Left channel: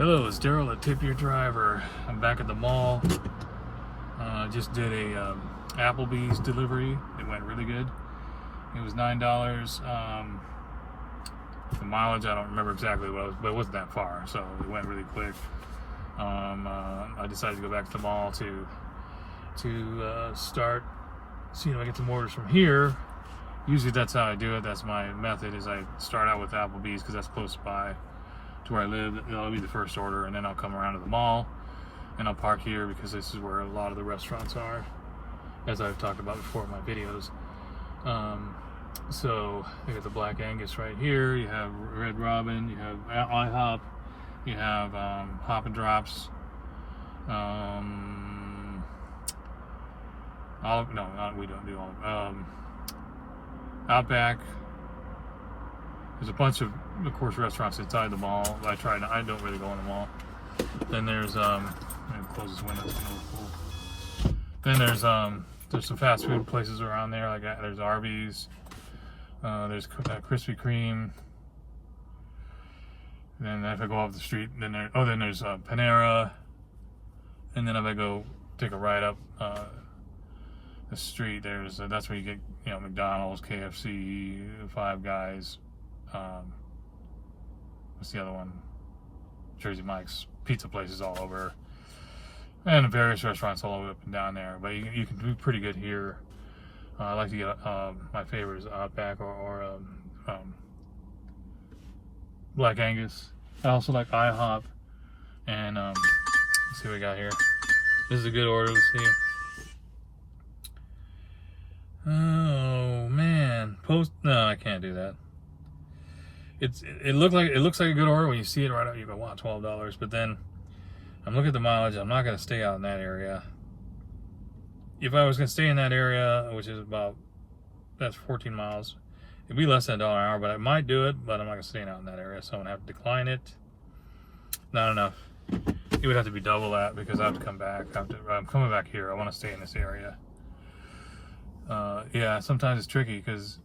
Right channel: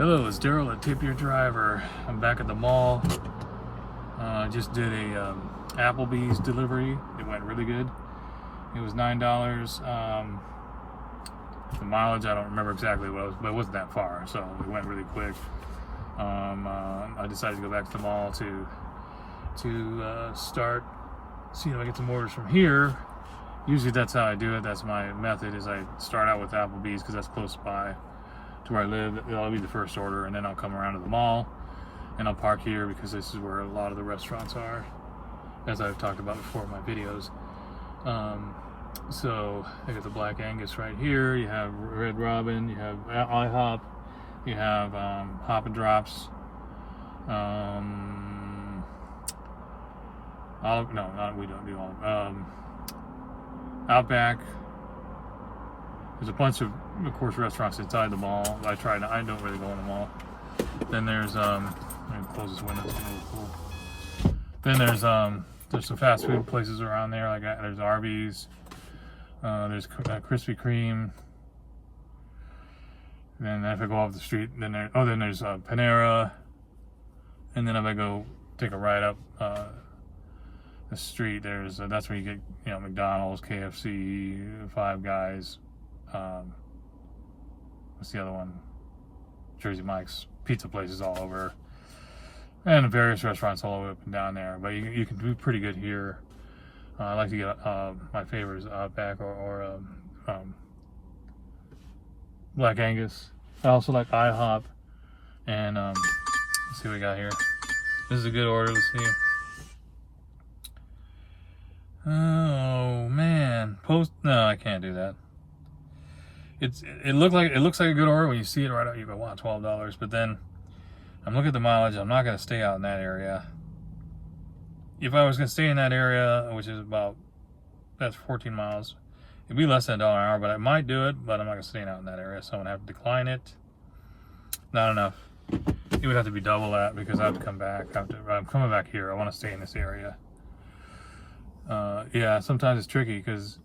Hello, it's Daryl at Tip Your Driver. I'm back at the mall. I just did a Applebee's delivery. It went really good. It was $9. The mileage, I don't remember exactly what it was, but it wasn't that far, so it went really quick. I decided to go back to the mall to start seeing if I get some orders from here. Usually that's how I do it. That's my method, is I start out with Applebee's because that's close by to where I live. That'll be the first order, and then I'll come around to the mall and I'll park here because this is where a lot of the restaurants are, as I've talked about before in my videos. So I got the Black Angus right here. You have Red Robin, you have IHOP, you have Hop and Drops, we don't do all Outback. There's a bunch of course, restaurants inside the mall. I don't really go in the mall. Then there's let me close this window. It's really cool. Then there's some fast food places around there. Like there's Arby's. There's Krispy Kreme. Then if I go off the street, then there's Panera. And then if I go take a ride up the street, there's that's where you get McDonald's, KFC, Five Guys. What's the other one? Jersey Mike's, pizza places all over, and various restaurants all over up and down there. But you can do pretty good here. I like to get my favorite is Outback or Black Angus. I also like IHOP. And let's see what we got here. This is a good order. Let's see. Oh man, no, I can't do that. It looks like a good order when you see it right out. You go, wow, $12. But then I'm looking at the mileage. I'm not going to stay out in that area. If I was going to stay in that area, which is that's 14 miles, it'd be less than $1 an hour. But I might do it. But I'm not going to stay out in that area, so I'm going to have to decline it. Not enough. It would have to be double that because I have to come back. I'm coming back here. I want to stay in this area. Yeah, sometimes it's tricky because,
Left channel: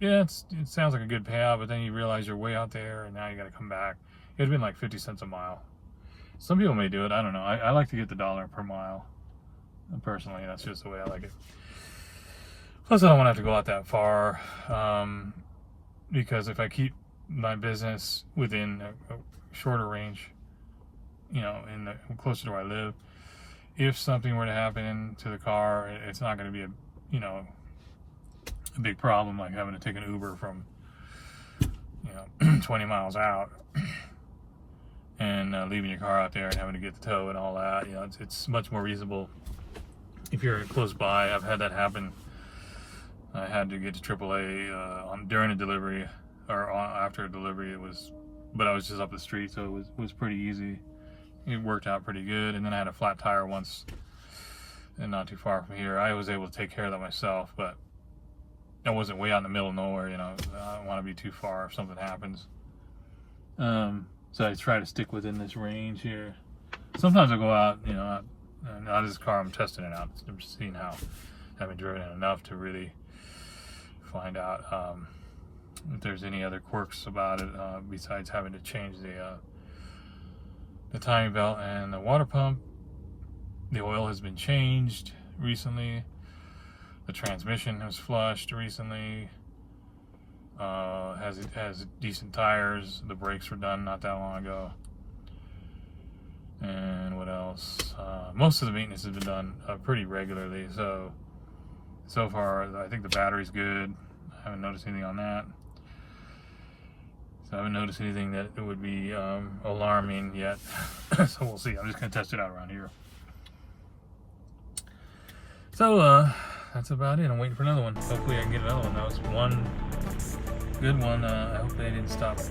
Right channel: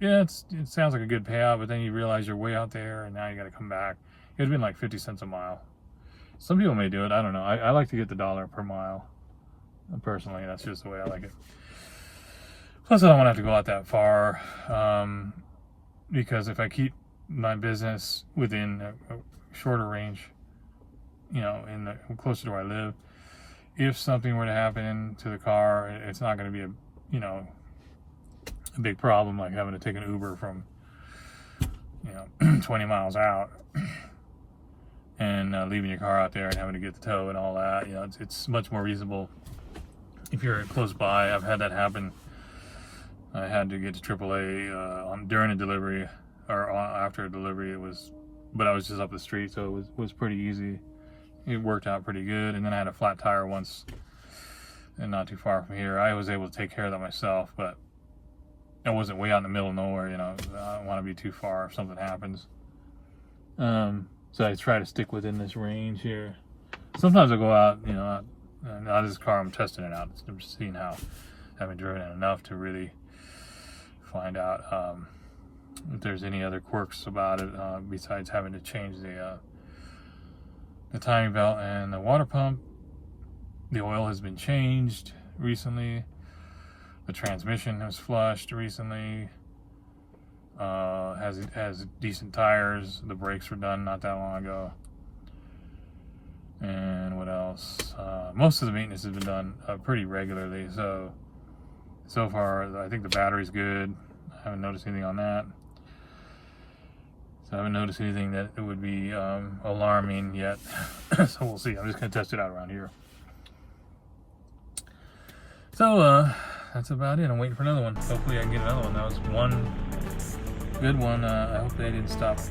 yeah, it sounds like a good payout, but then you realize you're way out there and now you got to come back. It'd been like 50 cents a mile. Some people may do it. I don't know. I like to get the $1 per mile. Personally, that's just the way I like it. Plus, I don't want to have to go out that far because if I keep my business within a shorter range, closer to where I live, if something were to happen to the car, it's not going to be a big problem like having to take an Uber from 20 miles out and leaving your car out there and having to get the tow and all that. It's much more reasonable if you're close by. I've had that happen. I had to get to AAA during a delivery or after a delivery. But I was just up the street, so it was pretty easy. It worked out pretty good. And then I had a flat tire once, and not too far from here. I was able to take care of that myself, but I wasn't way out in the middle of nowhere. I don't want to be too far if something happens. So I try to stick within this range here. Sometimes I go out, out of this car. I'm testing it out. I'm just seeing how I haven't driven it enough to really find out if there's any other quirks about it besides having to change the timing belt and the water pump. The oil has been changed recently. The transmission has flushed recently. Has decent tires. The brakes were done not that long ago. And what else? Most of the maintenance has been done pretty regularly. So far, I think the battery's good. I haven't noticed anything on that. So I haven't noticed anything that it would be alarming yet. So we'll see. I'm just going to test it out around here. So that's about it. I'm waiting for another one. Hopefully I can get another one. That was one good one. Hopefully I didn't stop it.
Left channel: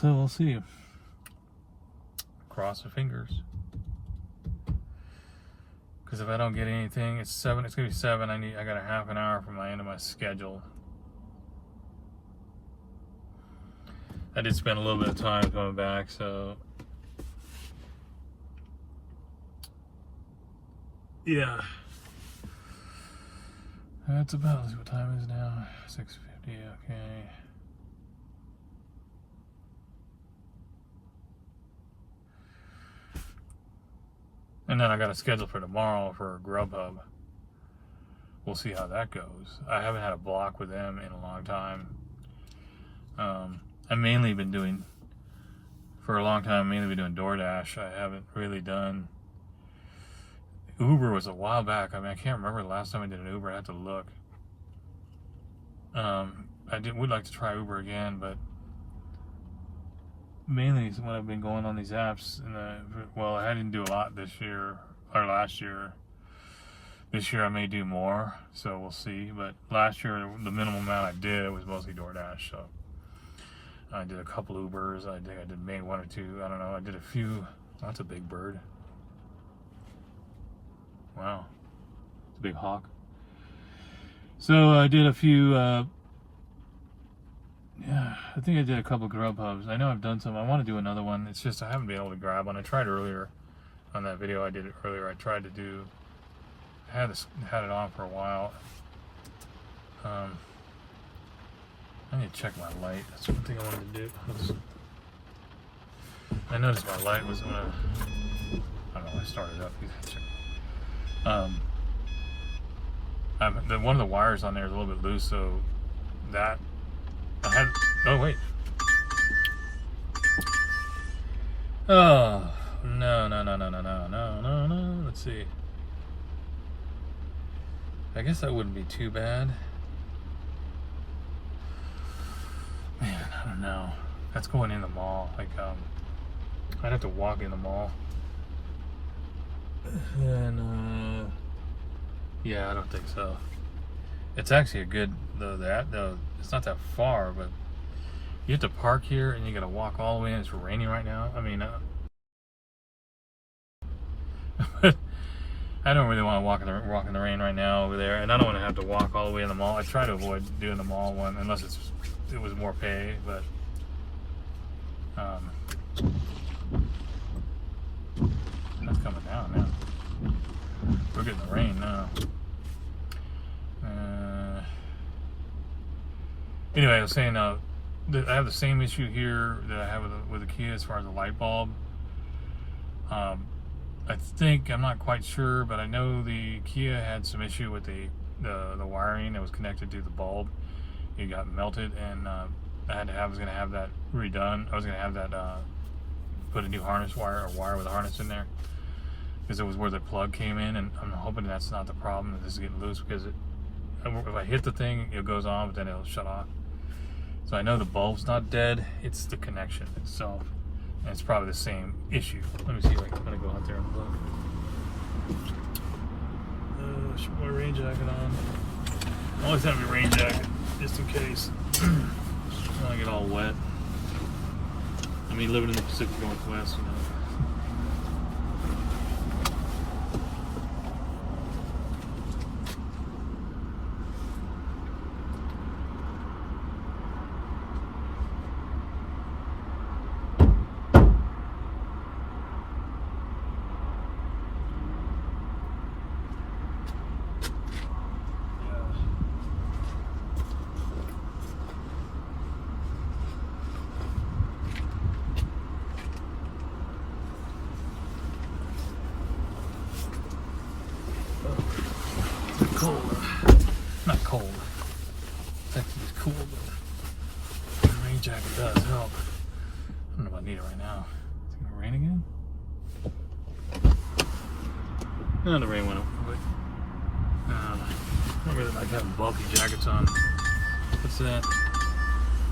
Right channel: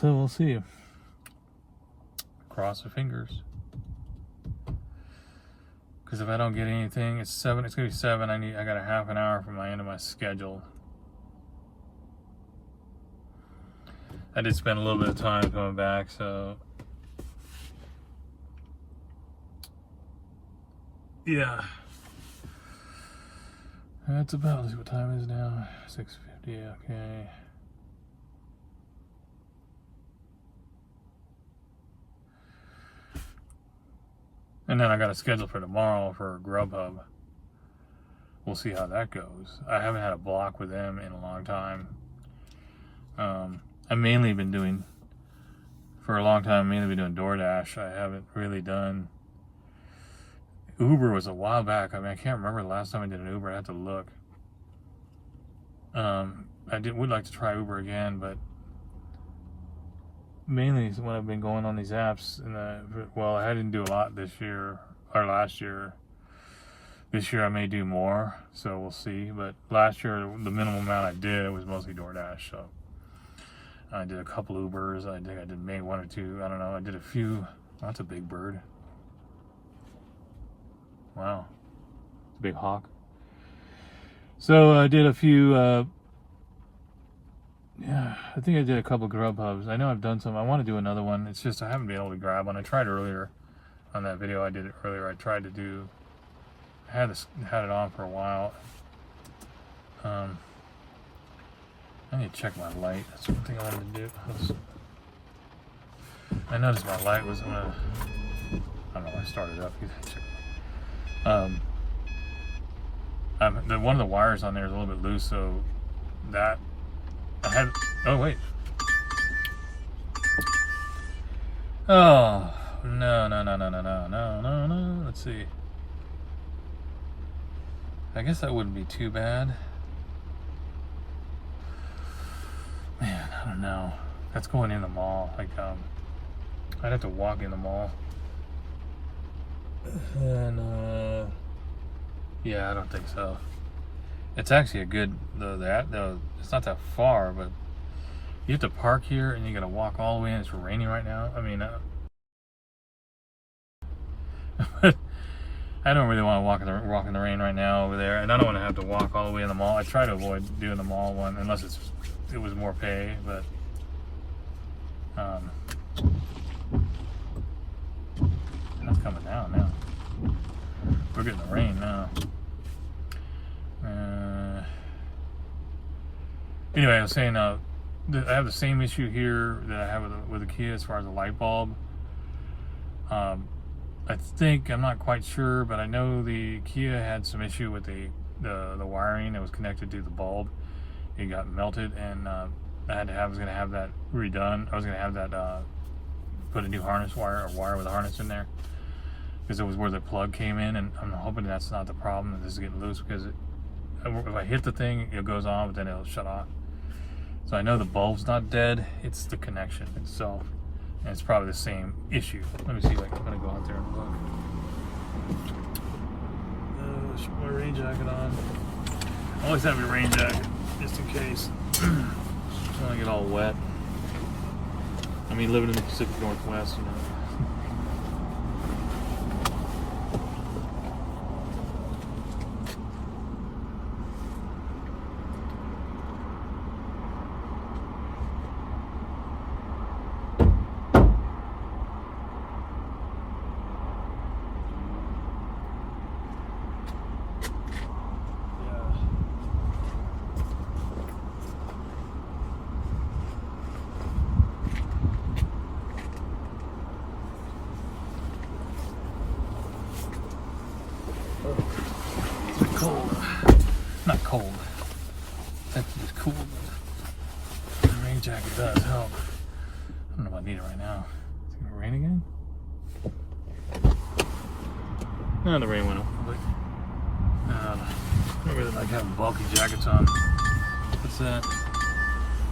So we'll see. Cross the fingers. Because if I don't get anything, it's 7. It's gonna be 7. I got a half an hour from my end of my schedule. I did spend a little bit of time coming back, so yeah. It's about, let's see what time it is now. 6:50. Okay. And then I got a schedule for tomorrow for Grubhub. We'll see how that goes. I haven't had a block with them in a long time. I've mainly been doing, for a long time, doing DoorDash. I haven't really done, Uber was a while back. I mean, I can't remember the last time I did an Uber. I have to look. Would like to try Uber again, but mainly when I've been going on these apps, well, I didn't do a lot this year or last year. This year I may do more, so we'll see. But last year, the minimum amount I did was mostly DoorDash. So I did a couple Ubers. I think I did maybe 1 or 2. I don't know. I did a few. That's a big bird. Wow, it's a big hawk. So I did a few. Yeah, I think I did a couple Grubhubs. I know I've done some. I want to do another one. It's just I haven't been able to grab one. I tried earlier on that video. I did it earlier. I tried to do. I had it on for a while. I need to check my light. That's one thing I wanted to do. I noticed my light was. I don't know. I started up. One of the wires on there is a little bit loose, so that I had. Oh wait. Oh no. Let's see. I guess that wouldn't be too bad. Man, I don't know. That's going in the mall. Like, I'd have to walk in the mall. And yeah, I don't think so. It's actually a good it's not that far, but you have to park here and you gotta walk all the way in. It's raining right now. I mean, I don't really want to walk in the rain right now over there, and I don't want to have to walk all the way in the mall. I try to avoid doing the mall one unless it was more pay, but that's coming down now. We're getting the rain now. Anyway, I was saying I have the same issue here that I have with the Kia as far as the light bulb. I think, I'm not quite sure, but I know the Kia had some issue with the wiring that was connected to the bulb. It got melted, and I was going to have that redone. I was going to have that put a new harness wire, a wire with a harness in there, because it was where the plug came in, and I'm hoping that's not the problem, that this is getting loose, because if I hit the thing, it goes on, but then it'll shut off. So I know the bulb's not dead, it's the connection itself. And it's probably the same issue. Let me see, like, I'm gonna go out there and look. Should put my rain jacket on. I always have a rain jacket, just in case. I don't wanna get all wet. I mean, living in the Pacific Northwest, you know. Cold. Not cold. It's actually just cool, but the rain jacket does help. I don't know if I need it right now. Is it gonna rain again? No, the rain went up, but I really like having bulky jackets on. What's that?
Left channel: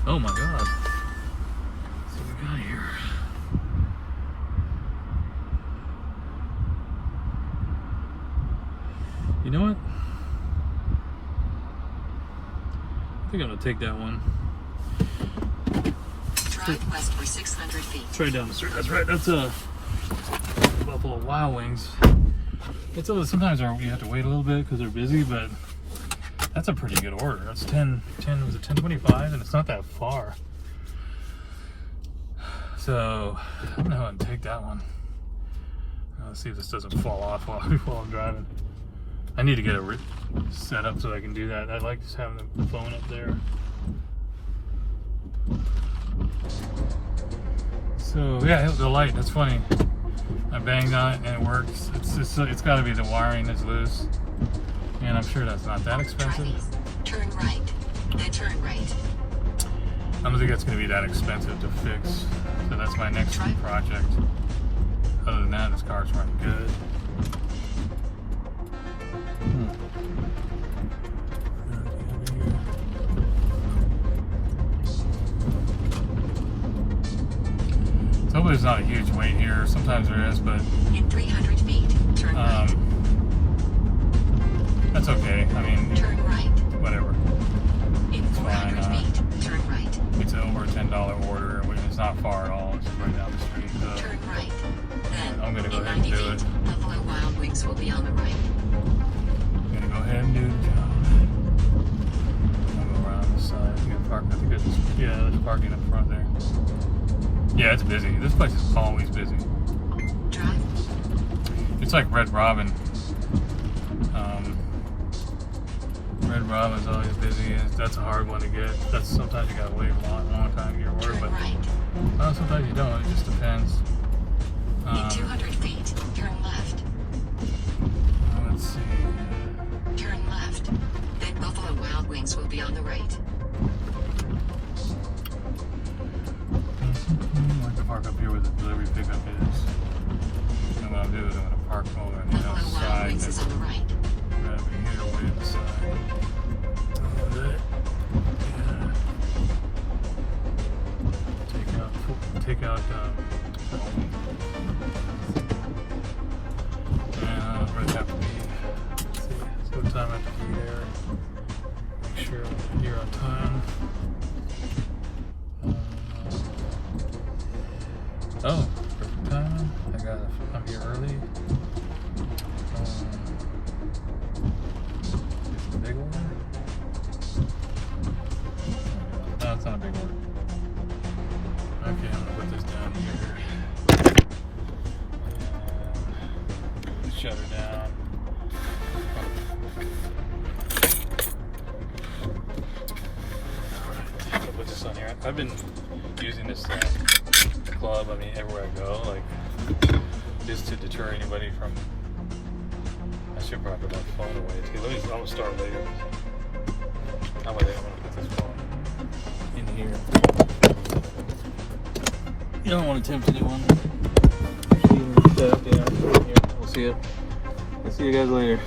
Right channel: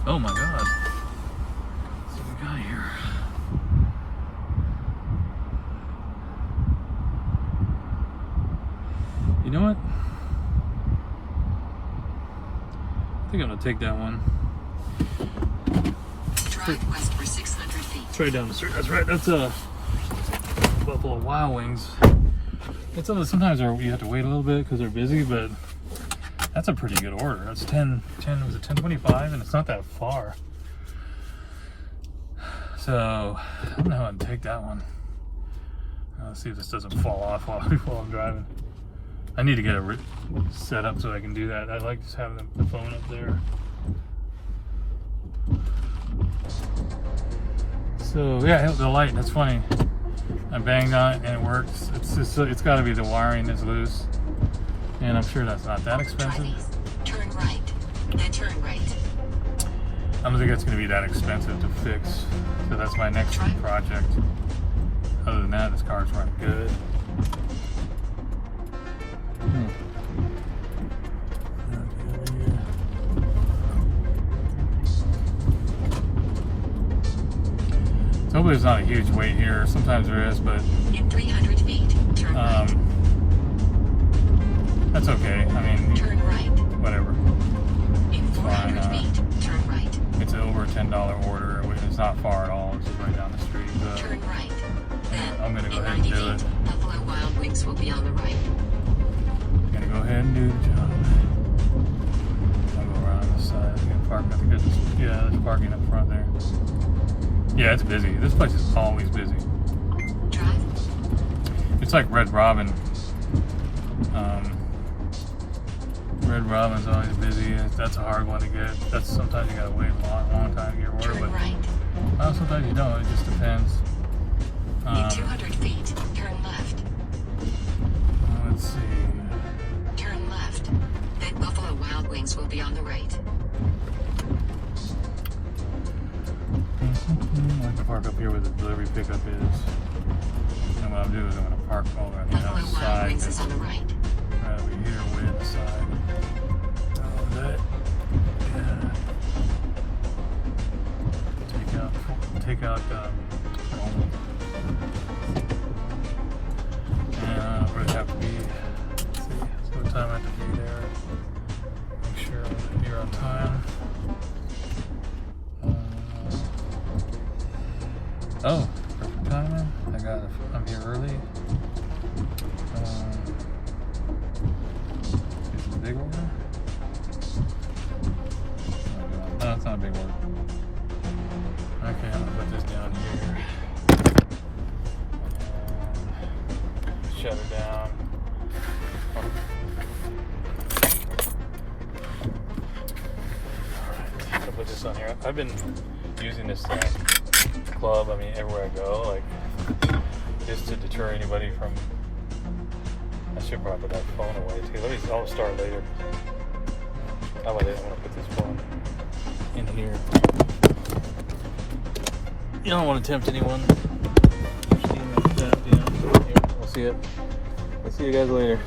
Oh my god. Let's see what we got here. You know what? I think I'm gonna take that one. Drive west for 600 feet. Straight down the street. That's right. That's Buffalo Wild Wings. It's sometimes you have to wait a little bit because they're busy, but that's a pretty good order. That's 10 was it 1025, and it's not that far. So I'm gonna go ahead and take that one. Let's see if this doesn't fall off while I'm driving. I need to get it set up so I can do that. I like just having the phone up there. So yeah, the light, that's funny. I banged on it and it works. It's got to be the wiring that's loose, and I'm sure that's not that expensive. Turn right. Then turn right. I don't think it's going to be that expensive to fix. So that's my next project. Other than that, this car's running good. Hopefully there's not a huge wait here. Sometimes there is, but in 300 feet, turn right. That's okay. I mean, turn right. Whatever. In 400 feet, turn right. It's an over $10 order. It's not far at all. It's just right down the street. But turn right. Then, I'm gonna go in ahead and 90 do feet, it. Buffalo Wild Wings will be on the right. I'm gonna go ahead and do the job. I'm gonna go around this side. I'm gonna park. I think there's parking up front there. Yeah, it's busy. This place is always busy. Drive. It's like Red Robin. Red Robin's always busy. That's a hard one to get. Sometimes you gotta wait a long time to get your order. Turn right. Sometimes you don't. It just depends. In 200 feet, turn left. Let's see. Turn left. Then Buffalo Wild Wings will be on the right. I can park up here where the delivery pickup is. And what I'll do is I'm going to park over on the Buffalo Wild outside. Wings is on the right. Right over here way to the side. Take out where they have to be. Let's see what time I have to be there. Make sure I'm here on time. Oh, perfect time. I'm here early. Is it a big one? No, it's not a big one. Okay, I'm gonna put this down here. Shut it down. Alright, I'll put this on here. I've been using this club, I mean, everywhere I go, like, just to deter anybody from. I should probably put that phone away too. I'll start later. How about that? I'm gonna put this phone in here. You don't want to tempt anyone. We'll see you guys later.